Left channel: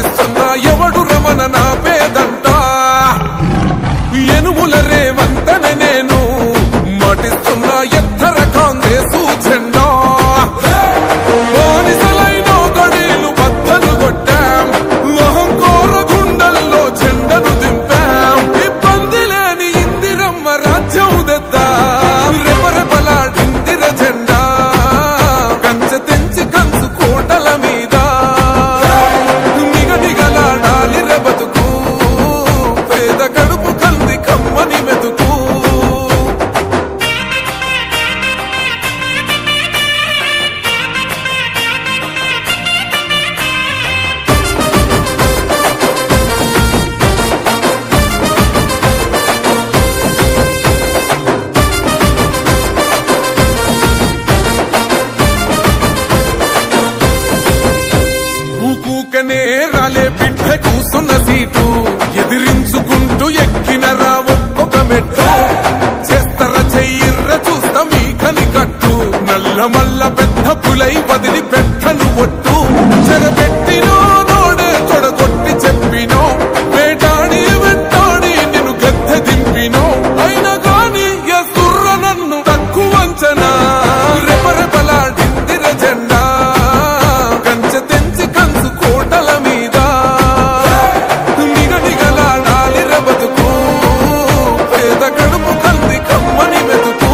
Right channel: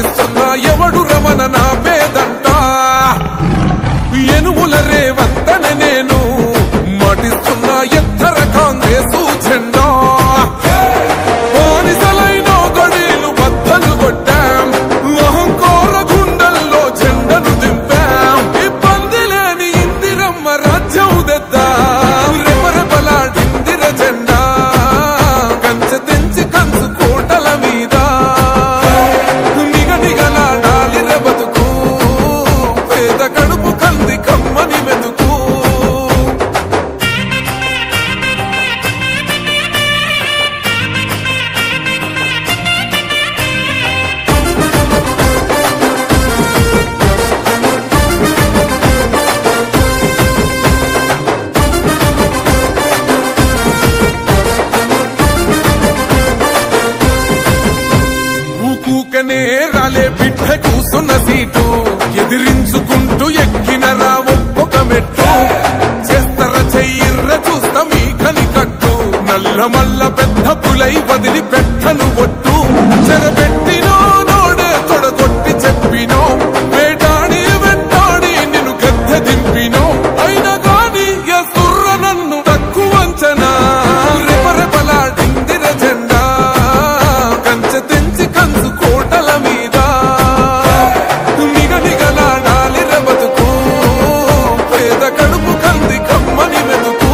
మాటిస్తున్నా ఎవడు రమణ నా పేదంట ఎనుముల రేవంతన నేను మాటిస్తున్నా ఎత్తర కాంగ్రెసు జెండా బానిసలైన గడీలు బద్దలు కొట్టాం అహంకార గుండెల్లో జెండను దింపాం ఇబ్బంది లేని ఇందిరమ్మ రాజ్యం తెద్దాం రెపరెపలాడిందిర జెండా కంచె తెంచి కంచు కోటల మీద నిగనిగలాడాలి బతుకు పేద కడుపు కంది కమ్మని మెతుకు ఊకూకనే రాలే బిడ్డ కూసున్న సీటు ఎదిరించుకుంటూ ఎక్కినరా ఒక్కొక్క మెట్టు చేస్తర చెయ్యిర్ర చూస్తా మీ కని కట్టు నల్ల మల్ల పెద్ద పులై వదిలి పెట్టను ఒట్టు చెరబెట్టినో నోడే తొడగొట్టి చెప్పినో వేటాడి వెంటాడి నిన్ను గద్దె దింపినో అయినా గాని ఎసుర్ర నన్ను తక్కువ అంచనా రెపరెపలాడిందిర జెండా కంచె తెంచి కంచు కోటల మీద నిగనిగలాడాలి బతుకు పేద కడుపు కంది కమ్మని మెతుకు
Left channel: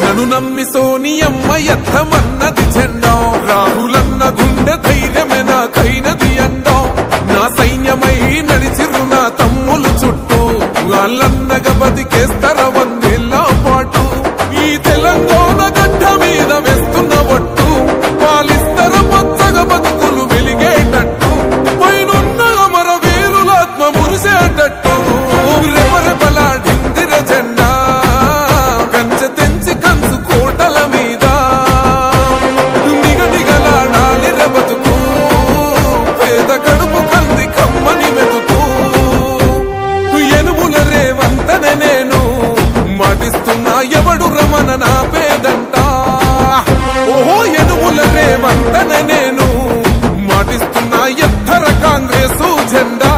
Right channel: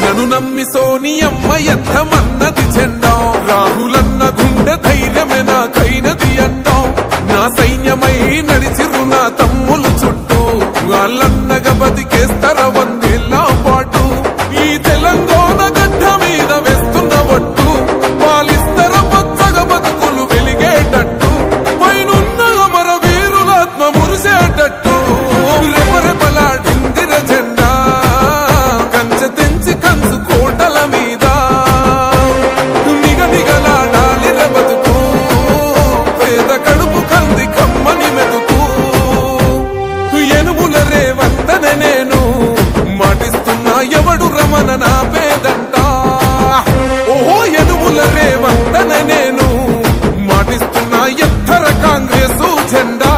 నన్ను నమ్మి సోనియమ్మ ఎత్తమన్నది జెండా రాహులన్న గుండె ధైర్యమే నాకైనది అండా నా సైన్యమై నడిచిరు నా తమ్ములు చుట్టూ వాళ్ళన్నగా బతికేస్తర వందేళ్ల పాటు ఈ తెలంగాణ గడ్డ మీద వేస్తున్న ఒట్టు పాలిస్తర పచ్చగా బతుకులు వెలిగేటట్టు పైనున్న అమర వీరులాత్మ మురిసేటట్టు రెపరెపలాడిందిర జెండా కంచె తెంచి కంచు కోటల మీద నిగనిగలాడాలి బతుకు పేద కడుపు కంది కమ్మని మెతుకు ఎనుముల రేవంతన నేను మాటిస్తున్నా ఎవడు రమణ నా పేదంట ఓహో ఎనుముల రేవంతన నేను మాటిస్తున్నా ఎత్తర కాంగ్రెసు జెండా